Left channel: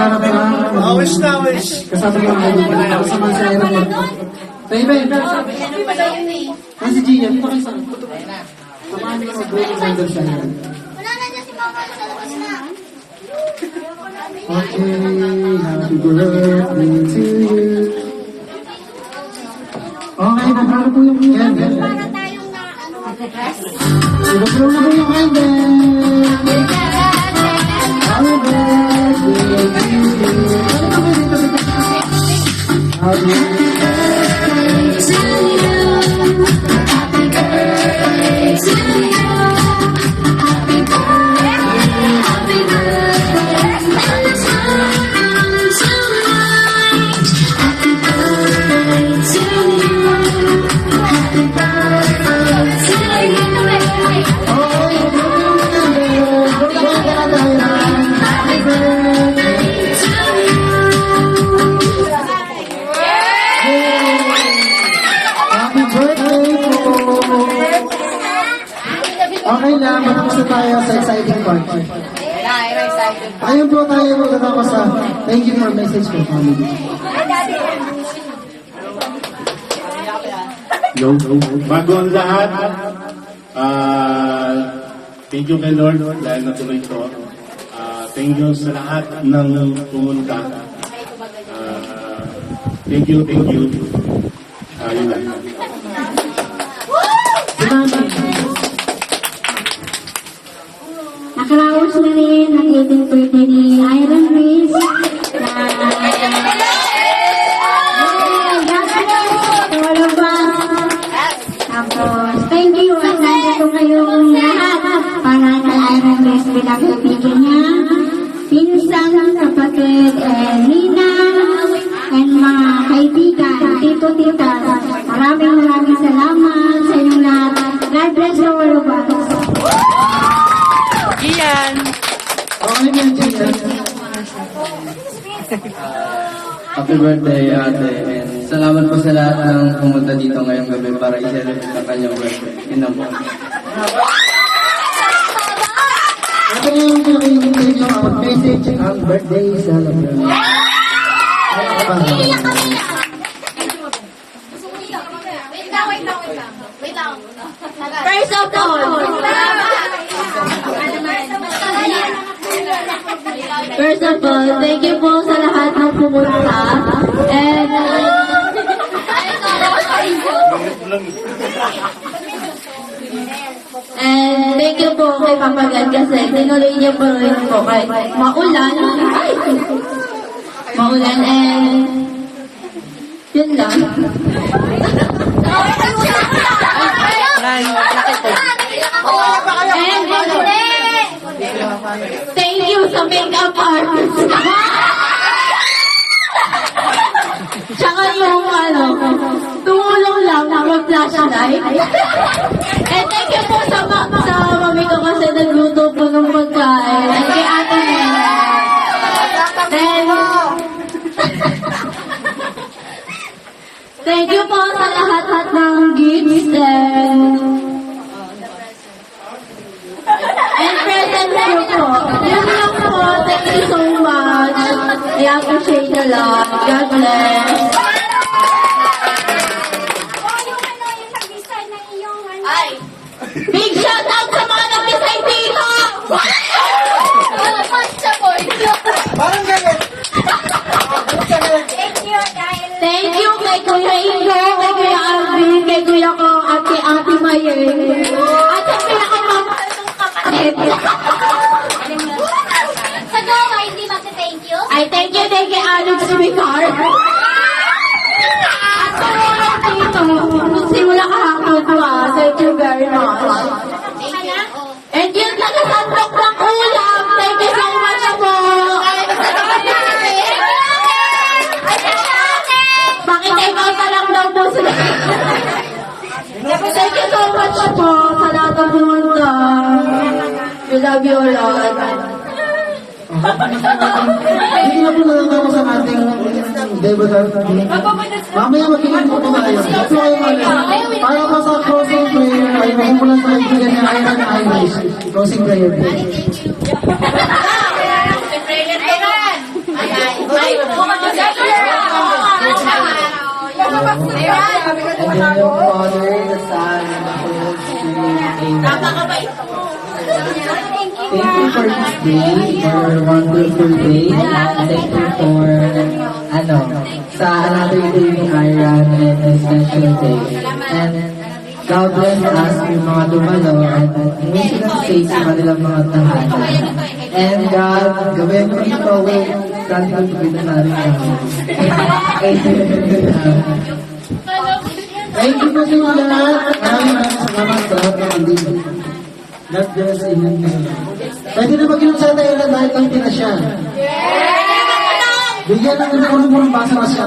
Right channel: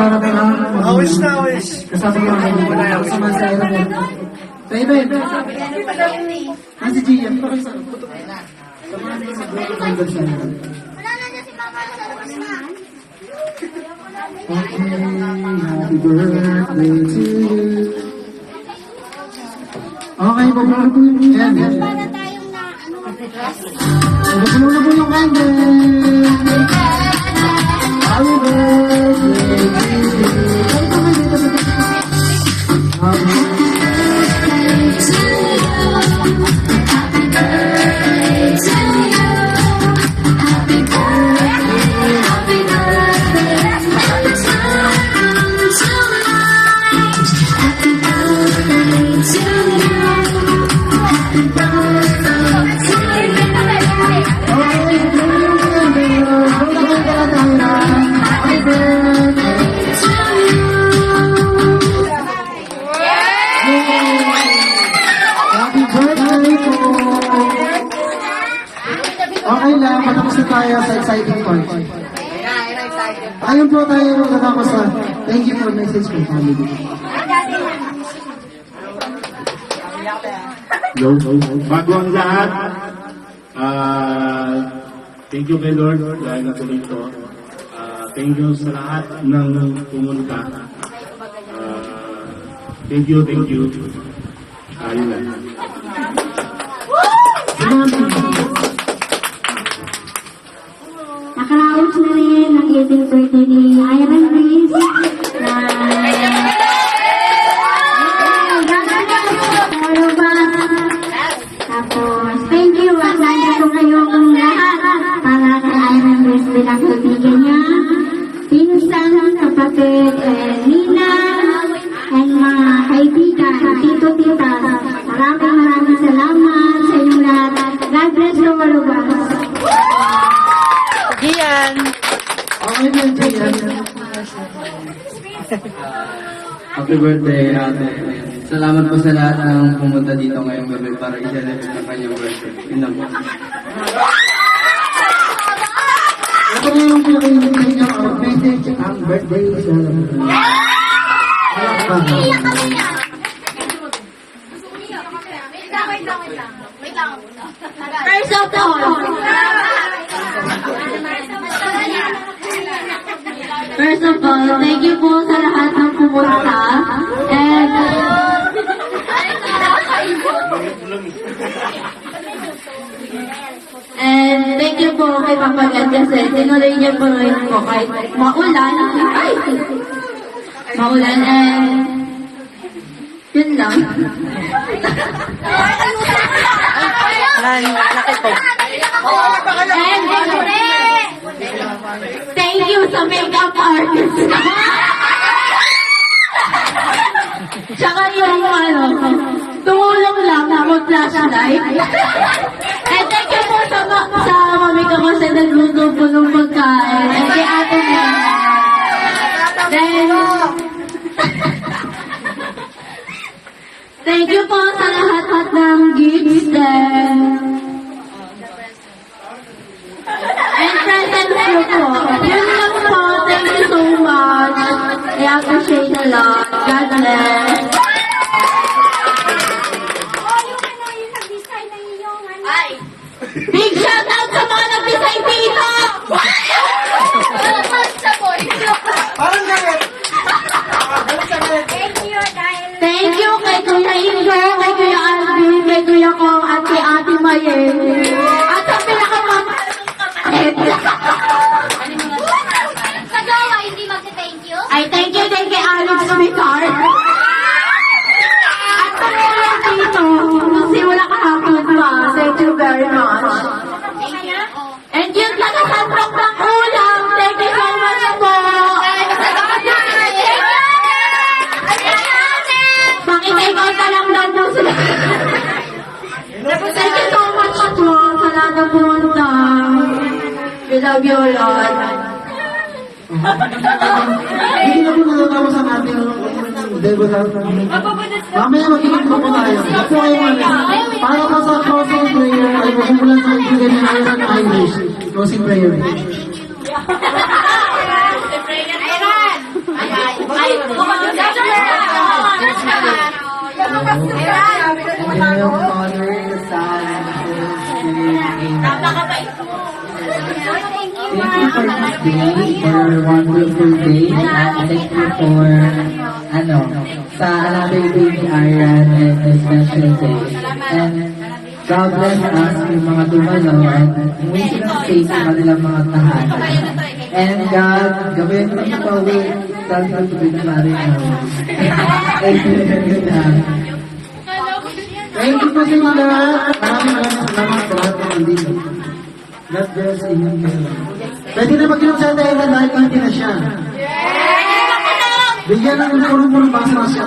magharap na. Wish na, wish. Kasama yung mga kasama sa aeroplane. Sa event. Si Gina, pakisama. Samahan niyo mag-break sa siya. Wala na dyan si Papa sa labas na. Okay, happy birthday to you. Okay, paano po yung candle? Para tayong na, ano, dress. Ibaglaw na po yung candle. Happy birthday to you. Happy birthday to Okay lang, matapos na tayo sa exciting part. Ayun po tayo magkakako sa thank you for message ko, family. Yo, bago ang lahat, thank you kay Lord dahil natuloy ito. Thank you sa lahat ng pumunta. Thank you. Ayun lang. Nakaraos na rin ang 18th birthday ni Iron Reese. Tapos, thank you at nandito kayong lahat para kay Iron Reese bilang kaibigan niya, pinsan, kapatid, Nina, and mga kaibigan, tito-tita. Maraming salamat sa inyong lahat. God bless you all of us. Gian! Okay po yung Gian. Happy birthday, ate. Salamat po sa lahat ng pumunta dito ngayong gabi para i-celebrate ang kanyang birthday. Yun lang po. Ako na yung pinakinggan niyo ang message ang birthday song of the night. Wala ka ba? Wait lang. First of all, thank you po sa lahat ng pumunta. And thank you po kay Papa Bian kasi tinuloy niya po rin po kahit maulan. Maulan and yun lang. Nakita. And thank you sa makeup artist. Tsaka yung tumulong lang na mag-flashlight. And thank you po sa mami ko kasi nagluto po ng pagkain. And kay ate Nina. Thank you po sa lahat ng gifts and presents ko po. Yun lang po. Thank you so much. I appreciate a lot. God bless. Big shout out sa mga nag-design dito! Parang ganun. Thank you kay Kuya Ingo, kay Kuya Alvin, kay Kuya ko, at kay Ate Mayeng. At sa pinakamamahal kong kapatid. Sa gawa, hindi mag-thank you? Ay, thank you din kay Alex Vicar. At sa mga dito, nung simula kahapon pa, thank you very much. Thank you. And yun lang sa sandok ng ulam. Thank you so much po. Pakitay-kay ka lang daw po sila. Thank you so much po sa lahat ng pumunta. We love you all. Hindi na po natapos ang ating debutar. Mamaya magiging po tayo. Ito kayo para po sa closing prayer ay magsimulan sa ibigyan ng Iron Irish. Closing prayer. And then yung Father, the Son, and the Holy Spirit. Amen. Thank you for this day, for a wonderful day. And thank you for, sa another day ni Iran and a special day. And God bless us yung mga dumalo and hindi silang stay sa kanilang mga tahanan. And God, gawin mo ito with God will be the maring namin. Thank you po sa inyo lahat. Maraming salamat sa lahat ng hindi. God bless inyo. Pwede na mag-inom sa tayo na dahil kami na siya. Bigyan ng unang-unang basa na siya.